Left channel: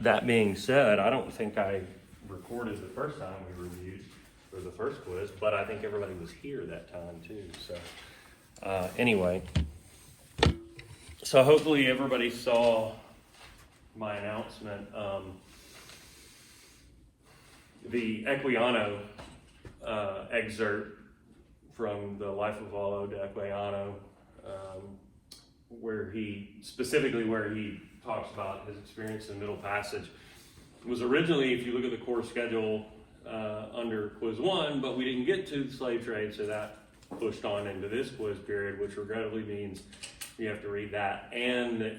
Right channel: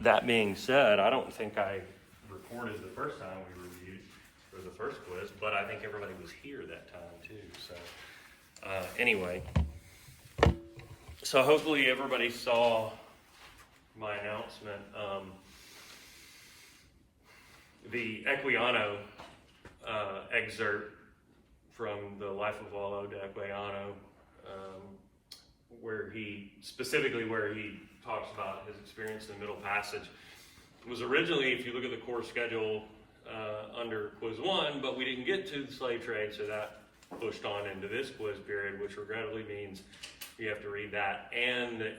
that being said, I don't think I recorded the first time we reviewed for the first quiz, but I think everybody was here that time too. So anyway, so hopefully everybody saw my announcement. The Equiano excerpt from the Life of Wallo de Equiano, where he talks about his experience in the Middle Passage, was originally, if you look at the course schedule, under quiz 1, but we didn't get to the slave trade, so that pushed on into this quiz period, which regrettably means you have to read that, and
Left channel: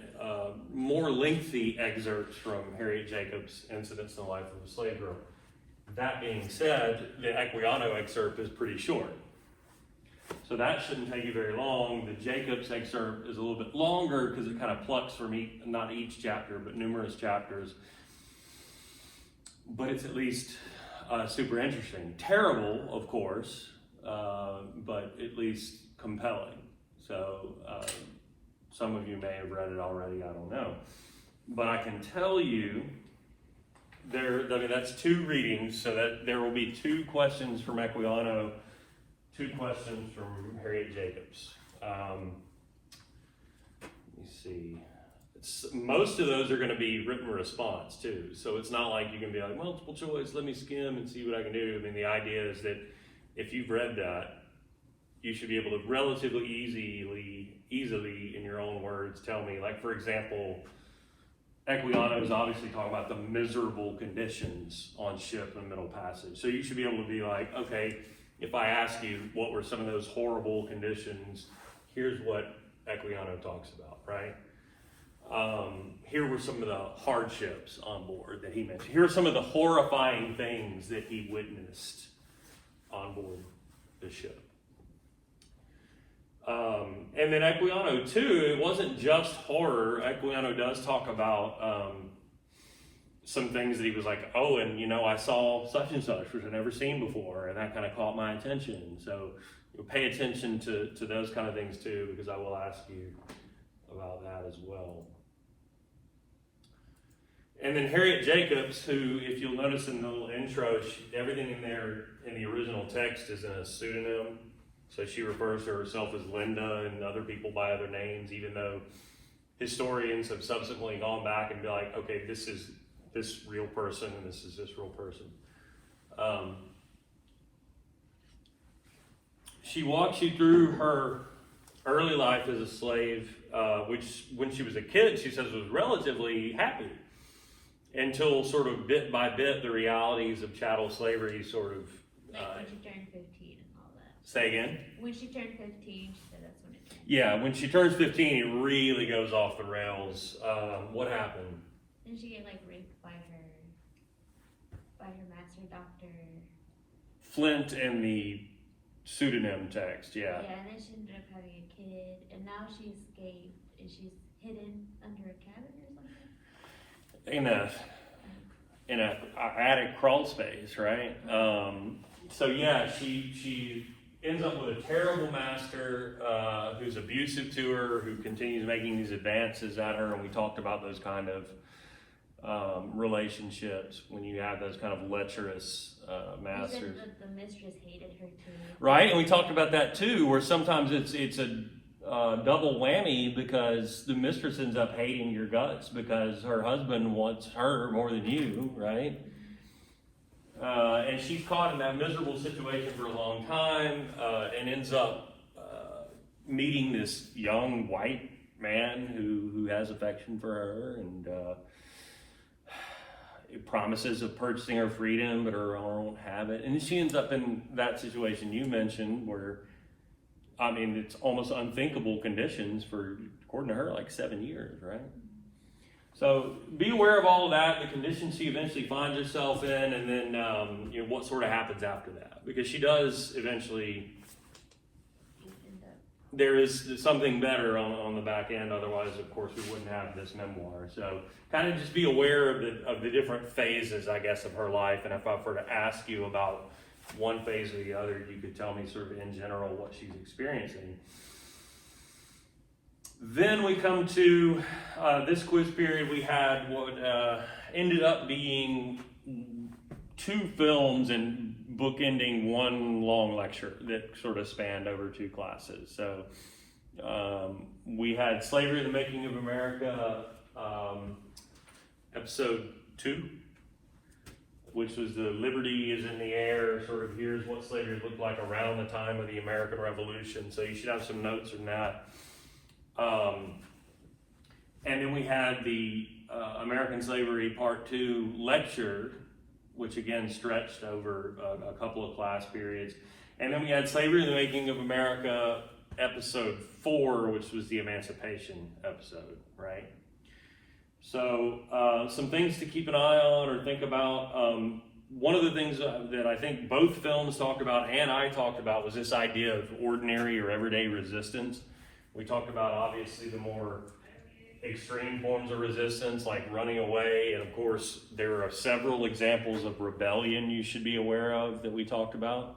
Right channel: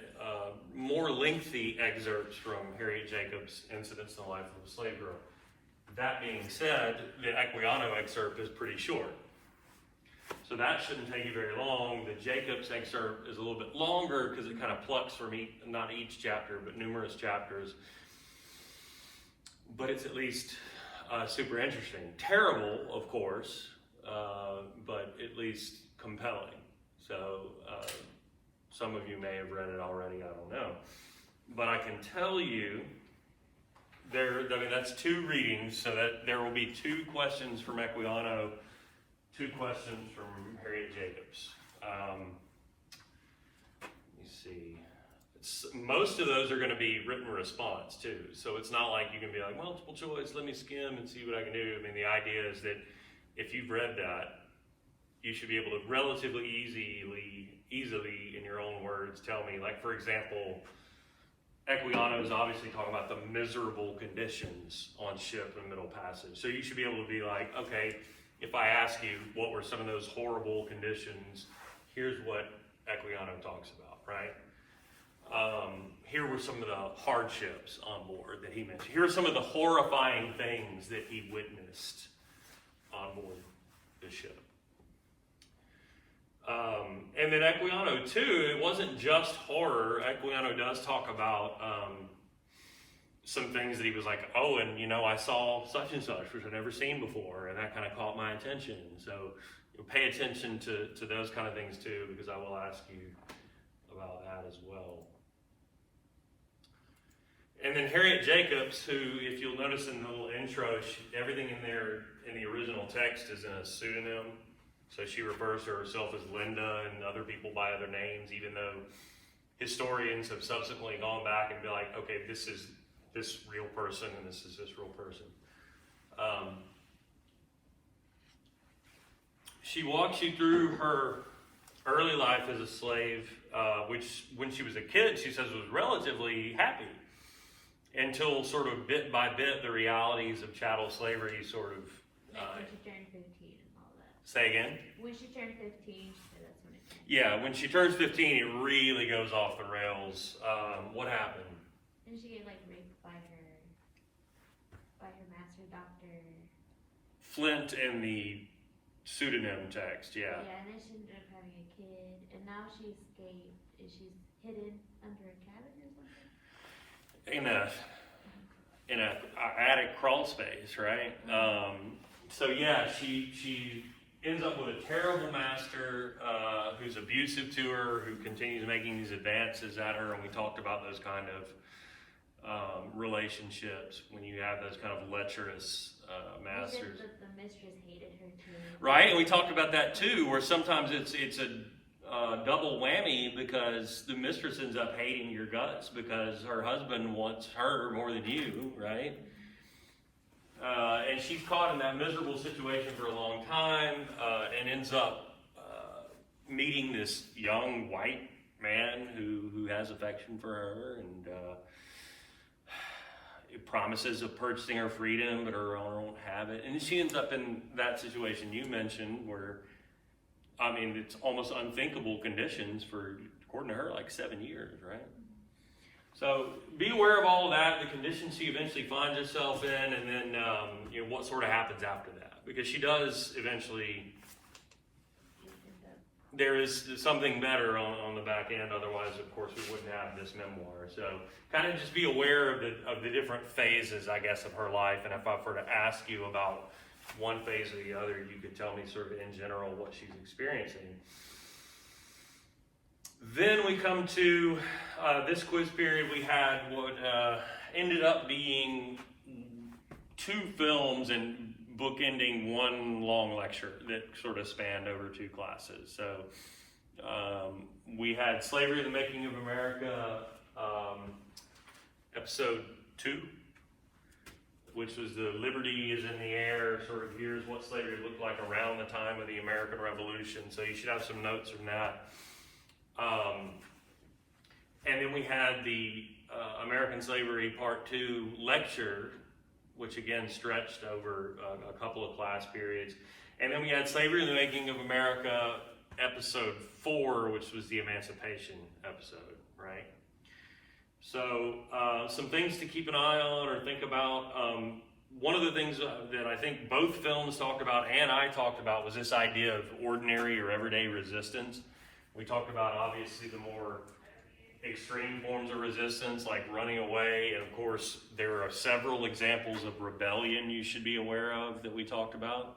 more lengthy excerpts from Harriet Jacobs' Incidents in the Life of a Slave Girl. That being said, the Equiano excerpt is pretty short. So that shouldn't take you very long. The Jacobs excerpt is a little bit longer because it kind of plucks from not each chapter, but numerous chapters. But it's at least super interesting. Terrible, of course, but at least compelling. So some of you may have read it already, I don't know. But I can tell you, that's 2 readings, so that there will be 2 questions from Equiano, 2 questions from Harriet Jacobs. Let me see. Most of those are going to be written response too, so it's not like you can be like multiple choice, let me skim and see what I can do. I mean, the idea is that if you've read that, you should be able to relatively easily in your own words tell me, like, for example, Equiano is obviously talking about the miserable conditions on ship in the Middle Passage. So you should be able to be like, okay, if I ask you what were some of those horrible conditions, here's what Equiano talks about, right? Here were some of the hardships on board that he mentioned. Here are some of the horrifying things that he witnessed on board the ship. And then Equiano too, it wasn't just horror. Equiano does talk about some things that he was like, oh, and I saw such and such, which I've never seen before, and that kind of caught my attention. So pay attention to those kind of things too, because I will ask you about that as well. And then Harriet Jacobs, who, if you'll notice in the little intro, everything in there in the original text is in a pseudonym. So she refers to herself as Linda and other people by other names, even though historians have subsequently gone back and be like, okay, this is this real person and this is this real person. She walks you through her early life as a slave, which when she was a kid, she says was relatively happy, until sort of bit by bit the realities of chattel slavery sort of... when she turned 15 and all that. Say again? When she turned 15, she said that's when it changed. Yeah, when she turns 15, it really goes off the rails. What happened? And she get raped by her master doctor. Flint in the pseudonym text, yeah. Yeah, and then she ended up having a kid, and now she escaped, and she's hidden under a cabin or something? In a attic crawl space, right? So yeah, she ends up with a terrible master who's abusive to her, who continues making these advances at her, and we talked about those kind of relationships when you have those kind of lecherous masters. You said that the mistress hated her too. Right, and we talked about that too, where sometimes it's a double whammy, because the mistress ends up hating your guts because her husband wants her more than you, right? And she's caught in that miserable situation for a long time, and ends up meeting this young white man who has affection for her, and it promises of purchasing her freedom, but her owner won't have it. And she ends up in that situation you mentioned, where it's almost unthinkable conditions for, according to her, 7 years, right? So be aware of all of that, the conditions she eventually finds herself in, and then what sort of happens after that. Because she does eventually, there is something better on the back end. Otherwise, of course, we wouldn't have this memoir. So kind of just be aware of the different phases, I guess, of her life. And if I were to ask you about one phase or the other, you could tell me sort of in general what she's experiencing. Then we come to this quiz period. We had what ended up being 2 films and bookending 1 long lecture that sort of spanned over 2 classes. So we had Slavery: The Making of America, episode 2, which was the Liberty is in the Air, sort of here's what slavery looked like around the time of the American Revolution. So you should have some notes from that. And then we had the American Slavery Part 2 lecture, which again stretched over a couple of class periods. And then we had Slavery: The Making of America, episode 4, which was the Emancipation episode, right? So some things to keep an eye on or think about. One of the things that I think both films talked about and I talked about was this idea of ordinary or everyday resistance. We talked about obviously the more extreme forms of resistance like running away, and of course there are several examples of rebellion you should be aware of that we talked about.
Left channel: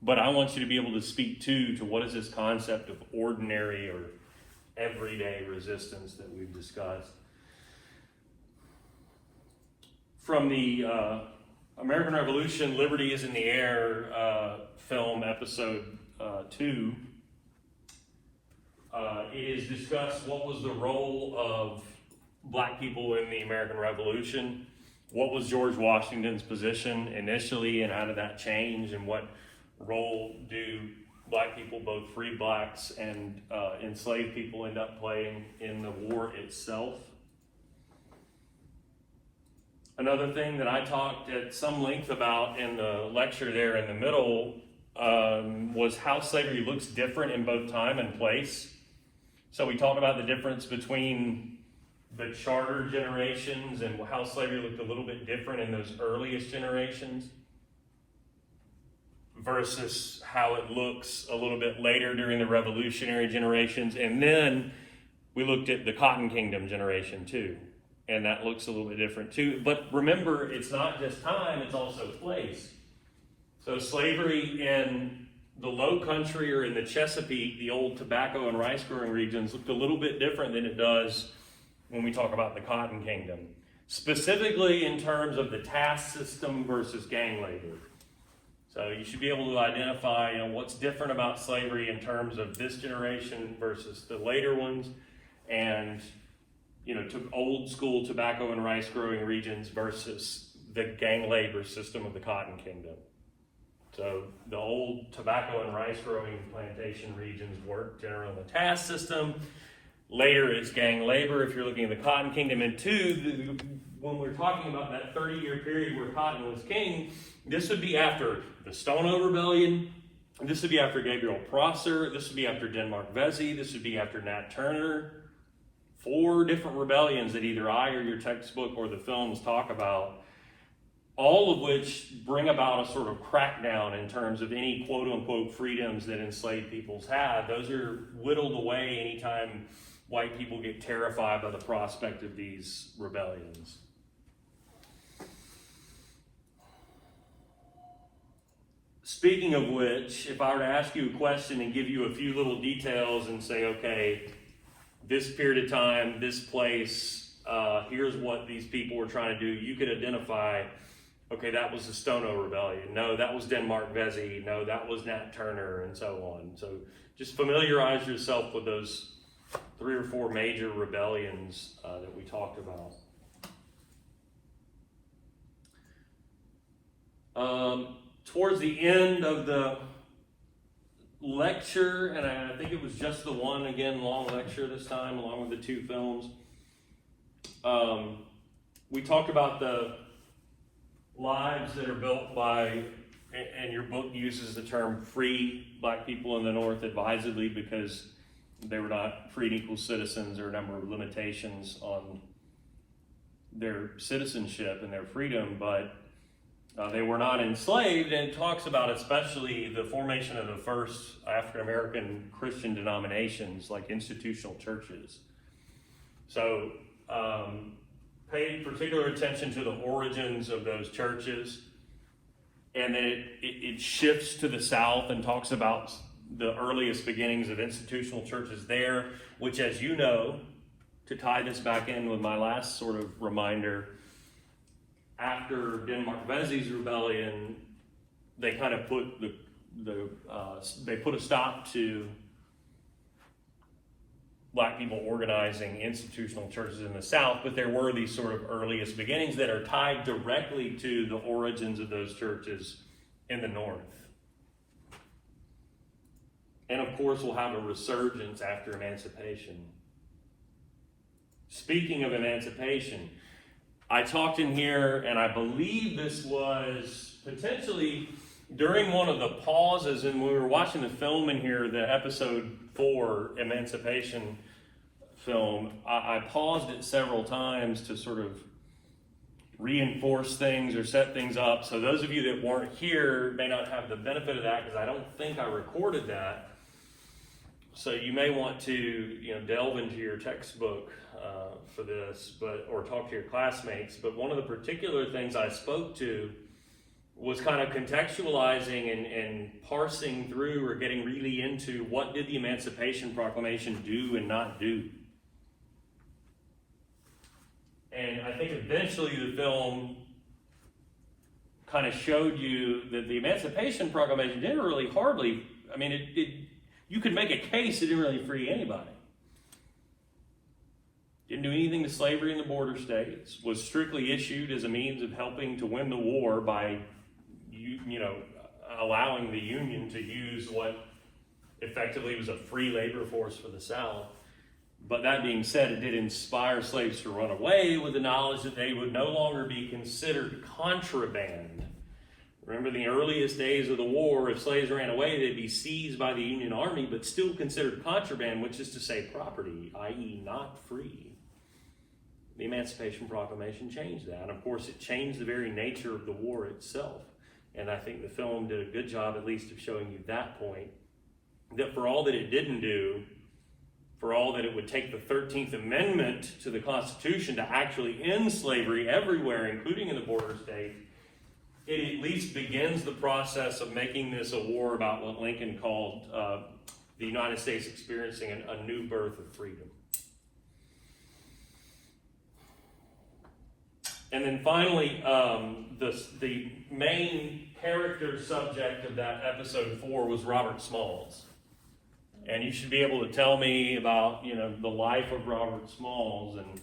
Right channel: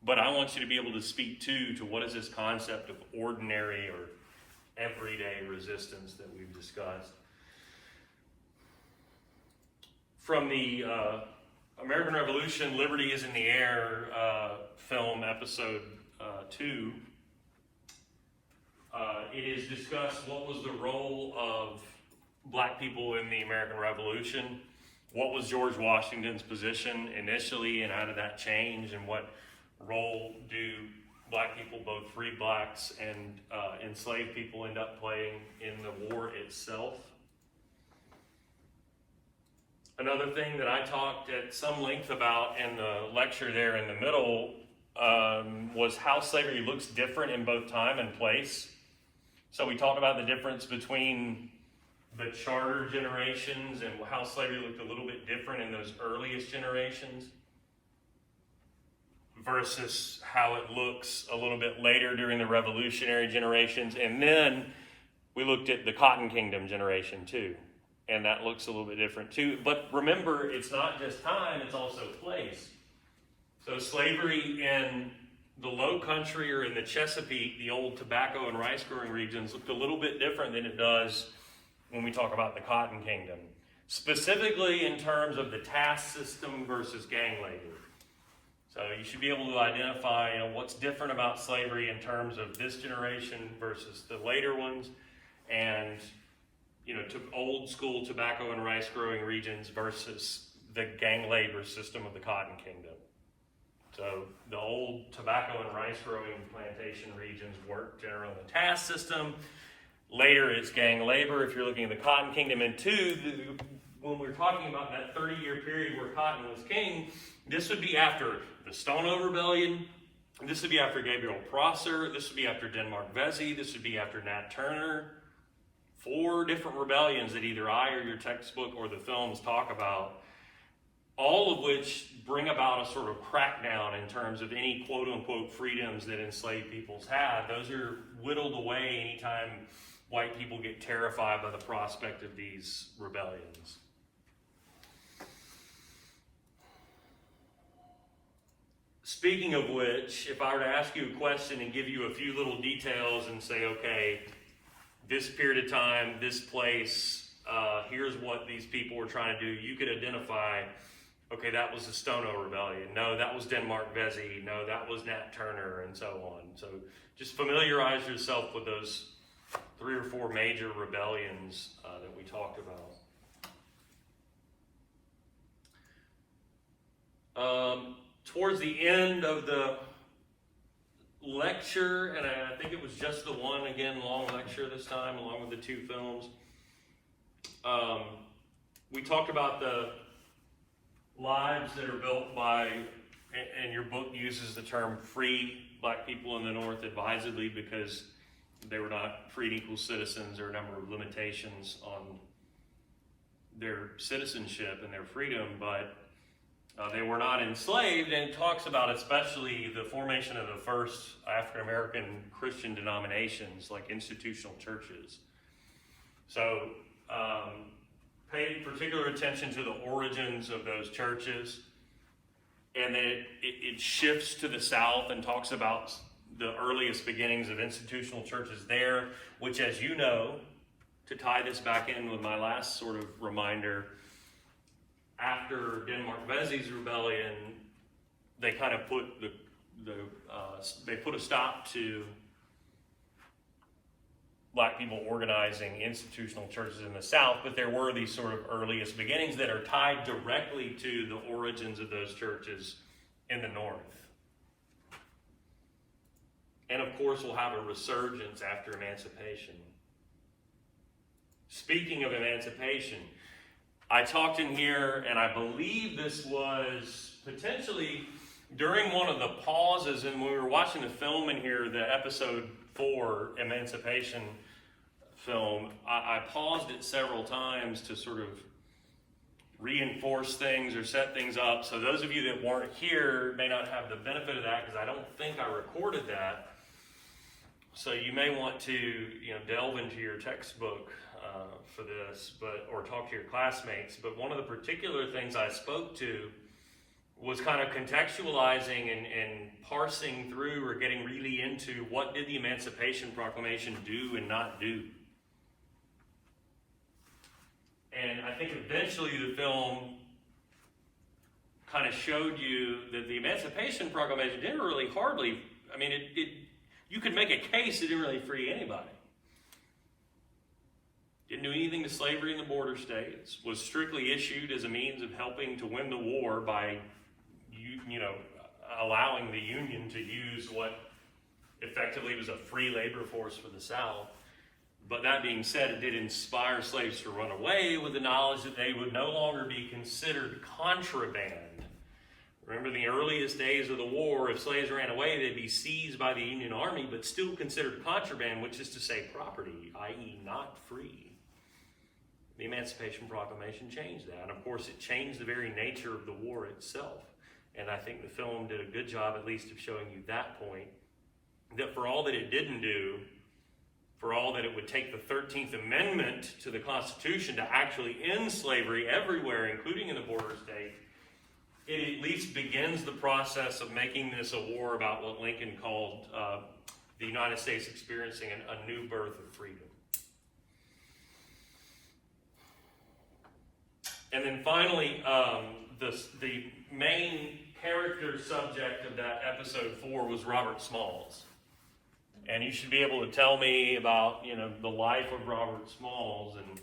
But I want you to be able to speak to what is this concept of ordinary or everyday resistance that we've discussed. From the American Revolution, Liberty is in the Air film, episode 2, it is discussed what was the role of black people in the American Revolution, what was George Washington's position initially, and how did that change, and what role do black people, both free blacks and enslaved people, end up playing in the war itself. Another thing that I talked at some length about in the lecture there in the middle was how slavery looks different in both time and place. So we talked about the difference between the charter generations and how slavery looked a little bit different in those earliest generations versus how it looks a little bit later during the revolutionary generations. And then we looked at the Cotton Kingdom generation too. And that looks a little bit different too. But remember, it's not just time, it's also place. So slavery in the Low Country or in the Chesapeake, the old tobacco and rice growing regions, looked a little bit different than it does when we talk about the Cotton Kingdom. Specifically in terms of the task system versus gang labor. So you should be able to identify, what's different about slavery in terms of this generation versus the later ones, and to old school tobacco and rice growing regions versus the gang labor system of the Cotton Kingdom. So the old tobacco and rice growing plantation regions work generally on the task system. Later it's gang labor if you're looking at the Cotton Kingdom. And two, when we're talking about that 30-year period where cotton was king, this would be after the Stono Rebellion, this would be after Gabriel Prosser, this would be after Denmark Vesey, this would be after Nat Turner. 4 different rebellions that either I or your textbook or the films talk about, all of which bring about a sort of crackdown in terms of any quote-unquote freedoms that enslaved peoples had. Those are whittled away anytime white people get terrified by the prospect of these rebellions. Speaking of which, if I were to ask you a question and give you a few little details and say, okay, this period of time, this place, here's what these people were trying to do, you could identify, okay, that was the Stono Rebellion. No, that was Denmark Vesey. No, that was Nat Turner, and so on. So just familiarize yourself with those 3 or 4 major rebellions that we talked about. Towards the end of the lecture, and I think it was just the one, again, long lecture this time, along with the 2 films, we talked about the lives that are built by, and your book uses the term free black people in the North advisedly because they were not free and equal citizens, or a number of limitations on their citizenship and their freedom, but they were not enslaved, and it talks about especially the formation of the first African-American Christian denominations like institutional churches. So pay particular attention to the origins of those churches, and then it shifts to the South and talks about the earliest beginnings of institutional churches there, which, as you know, to tie this back in with my last sort of reminder, after Denmark Vesey's rebellion, they kind of put they put a stop to black people organizing institutional churches in the South, but there were these sort of earliest beginnings that are tied directly to the origins of those churches in the North. And of course, we'll have a resurgence after emancipation. Speaking of emancipation, I talked in here, and I believe this was potentially during one of the pauses, and we were watching the film in here, the episode 4 Emancipation film. I paused it several times to sort of reinforce things or set things up. So those of you that weren't here may not have the benefit of that, because I don't think I recorded that. So you may want to, delve into your textbook for this, or talk to your classmates. But one of the particular things I spoke to was kind of contextualizing and parsing through, or getting really into, what did the Emancipation Proclamation do and not do. And I think eventually the film kind of showed you that the Emancipation Proclamation didn't really you could make a case it didn't really free anybody. Didn't do anything to slavery in the border states, was strictly issued as a means of helping to win the war by, allowing the Union to use what effectively was a free labor force for the South. But that being said, it did inspire slaves to run away with the knowledge that they would no longer be considered contraband. Remember, in the earliest days of the war, if slaves ran away, they'd be seized by the Union Army, but still considered contraband, which is to say property, i.e. not free. The Emancipation Proclamation changed that. And of course, it changed the very nature of the war itself. And I think the film did a good job, at least, of showing you that point, that for all that it didn't do, for all that it would take the 13th Amendment to the Constitution to actually end slavery everywhere, including in the border states, it at least begins the process of making this a war about what Lincoln called the United States experiencing a new birth of freedom. And then finally, the main character subject of that episode 4 was Robert Smalls. And you should be able to tell me about, the life of Robert Smalls, and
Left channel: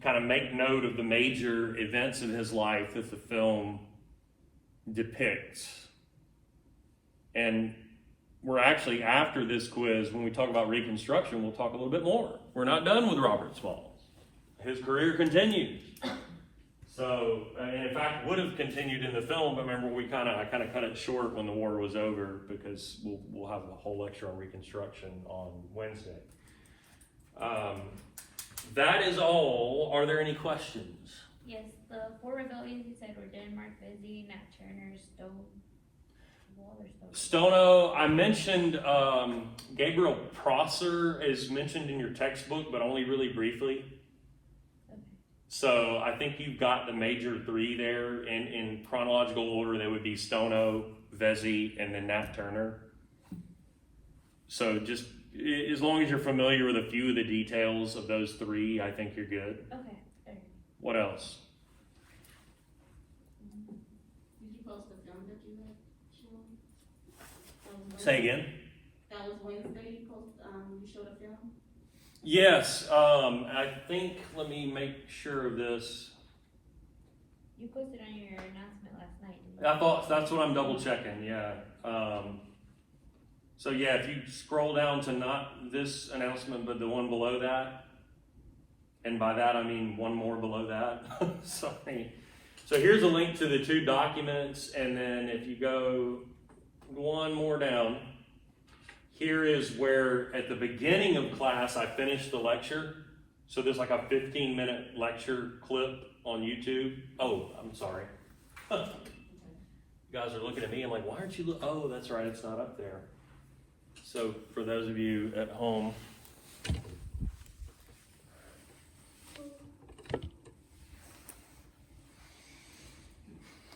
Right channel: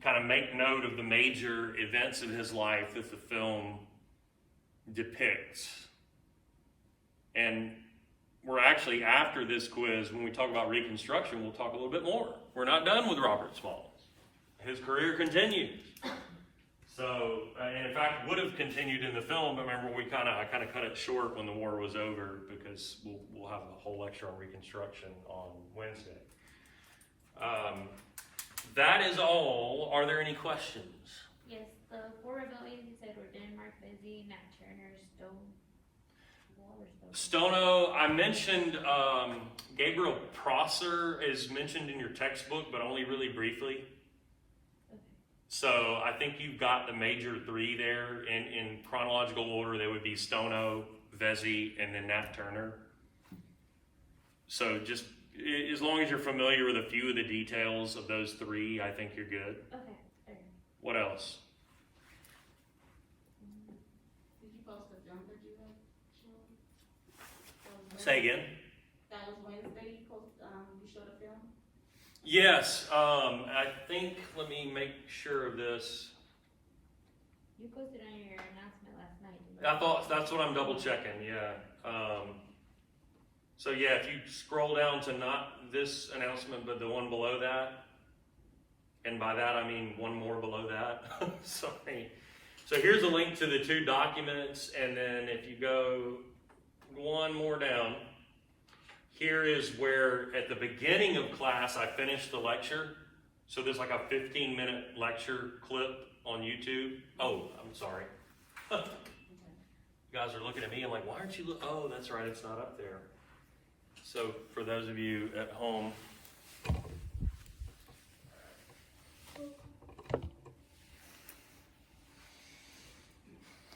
kind of make note of the major events in his life that the film depicts. And we're actually, after this quiz, when we talk about Reconstruction, we'll talk a little bit more. We're not done with Robert Smalls. His career continues. So, and in fact, would have continued in the film, but remember, I kind of cut it short when the war was over, because we'll have a whole lecture on Reconstruction on Wednesday. That is all. Are there any questions? Yes, the 4 rebellions you said were Denmark, Vesey, Nat Turner, Stono. I mentioned Gabriel Prosser is mentioned in your textbook, but only really briefly. So I think you've got the major 3 there. In chronological order, they would be Stono, Vesey, and then Nat Turner. So just as long as you're familiar with a few of the details of those 3, I think you're good. Okay. What else? Did you post the film that you showed? Say again? That was Wednesday. You showed a film. Yes. I think. Let me make sure of this. You posted on your announcement last night. I thought that's what I'm double checking. Yeah. So yeah, if you scroll down to not this announcement, but the one below that, and by that I mean one more below that. Sorry. So here's a link to the 2 documents, and then if you go one more down, here is where at the beginning of class I finished the lecture. So there's like a 15-minute lecture clip on YouTube. Oh, I'm sorry. You guys are looking at me. I'm like, why aren't you? Oh, that's right. It's not up there. So for those of you at home,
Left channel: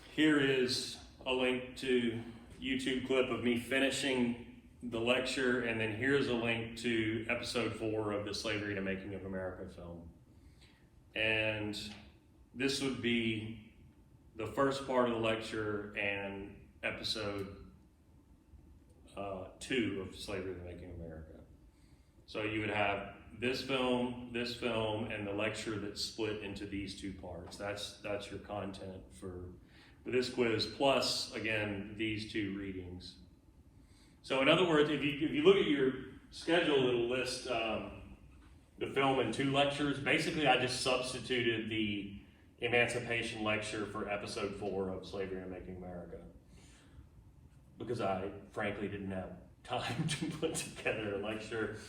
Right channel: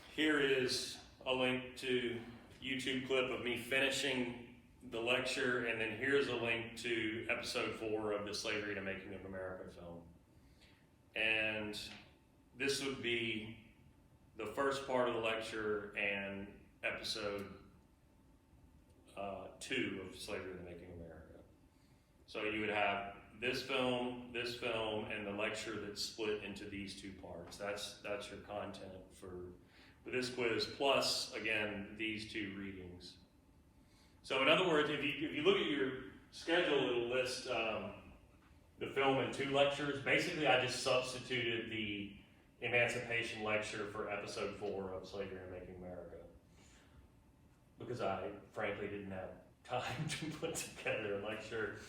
here is a link to YouTube clip of me finishing the lecture, and then here's a link to episode 4 of the Slavery to Making of America film. And this would be the first part of the lecture and episode 2 of Slavery Making America. So you would have this film, and the lecture that's split into these 2 parts. That's your content for this quiz, plus, again, these 2 readings. So in other words, if you look at your schedule, it'll list the film in 2 lectures. Basically, I just substituted the Emancipation lecture for episode 4 of Slavery Making America, because I frankly didn't have time to put together a lecture,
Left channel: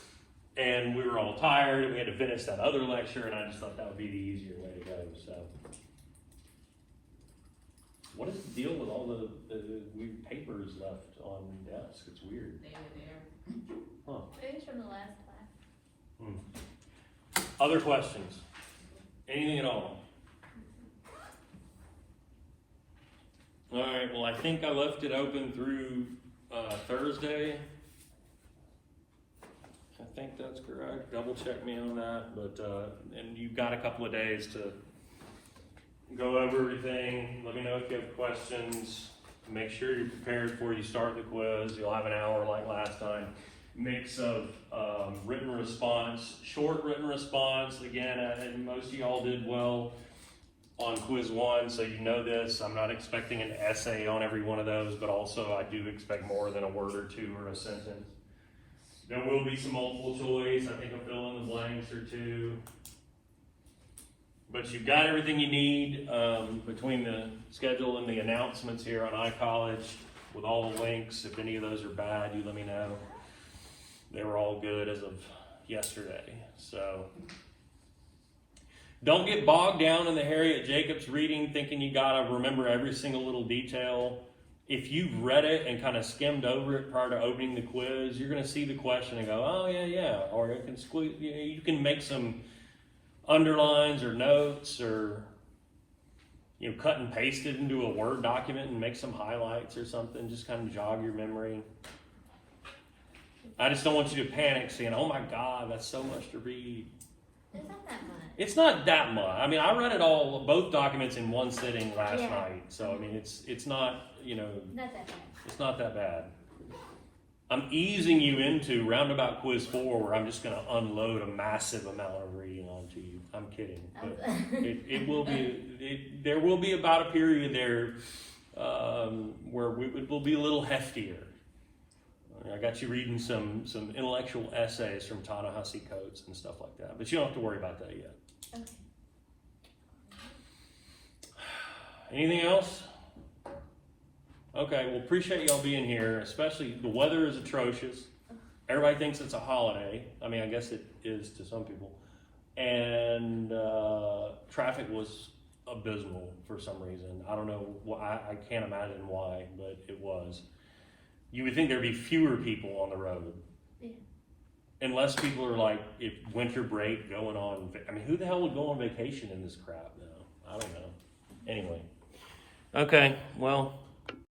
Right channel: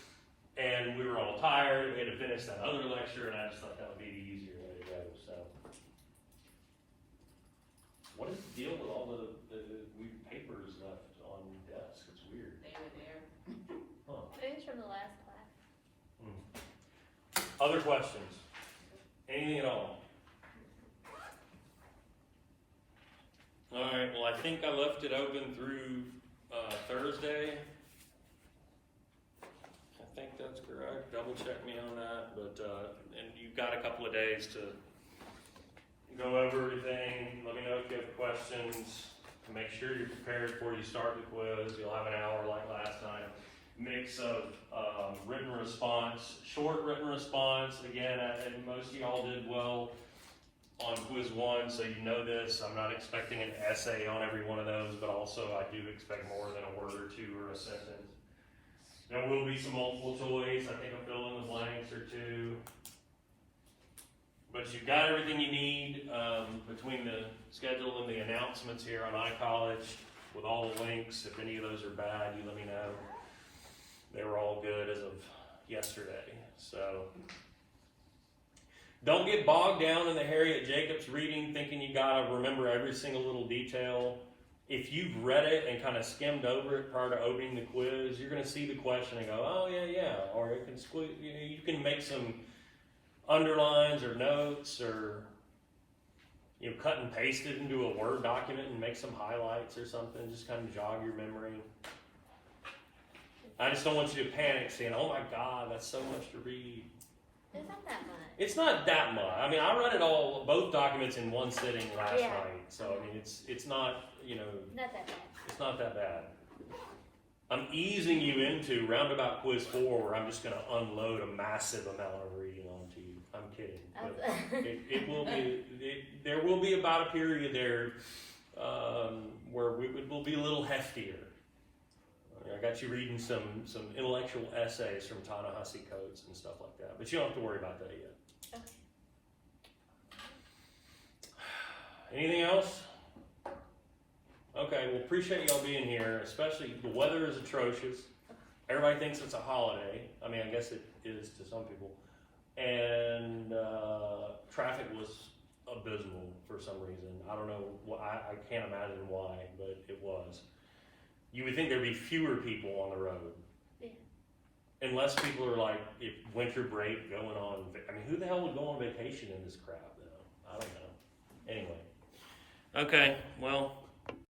and we were all tired, and we had to finish that other lecture, and I just thought that would be the easier way to go. So, what is the deal with all the weird papers left on the desk? It's weird. They are there. Huh. It was from the last class. Other questions? Anything at all? All right, well, I think I left it open through Thursday. I think that's correct. Double check me on that. But and you've got a couple of days to go over everything. Let me know if you have questions. Make sure you're prepared before you start the quiz. You'll have an hour like last time. Mix of written response, short written response. Again, and most of y'all did well on quiz 1, so you know this. I'm not expecting an essay on every one of those, but also I do expect more than a word or 2 or a sentence. There will be some multiple choice. I think I'll fill in the blanks or 2. But you've got everything you need between the schedule and the announcements here on iCollege with all the links. If any of those are bad, you let me know. They were all good as of yesterday. So don't get bogged down in the Harriet Jacobs reading thinking you gotta remember every single little detail. If you've read it and kind of skimmed over it prior to opening the quiz, you're gonna see the question and go, oh yeah. Or you can you can make some underlines or notes, or cut and paste it into a Word document and make some highlights or something. Just kind of jog your memory. I just don't want you to panic saying, oh my God, that's so much to read. It's not that much. It's not that much. I mean, I read it all, both documents in one sitting last Yeah. night. So, I mean, it's not, Not that bad. it's not that bad. I'm easing you into roundabout quiz 4 where I'm just going to unload a massive amount of reading onto you. I'm kidding. But it will be, there will be about a period there where it will be a little heftier. I got you reading some intellectual essays from Ta-Nehisi Coates and stuff like that, but you don't have to worry about that yet. Okay. Anything else? Okay, well, appreciate y'all being here, especially the weather is atrocious. Everybody thinks it's a holiday. I mean, I guess it is to some people. And traffic was abysmal for some reason. I don't know, I can't imagine why, but it was. You would think there'd be fewer people on the road. Yeah. Unless people are like, if winter break going on. I mean, who the hell would go on vacation in this crap now? I don't know. Anyway. Okay, well,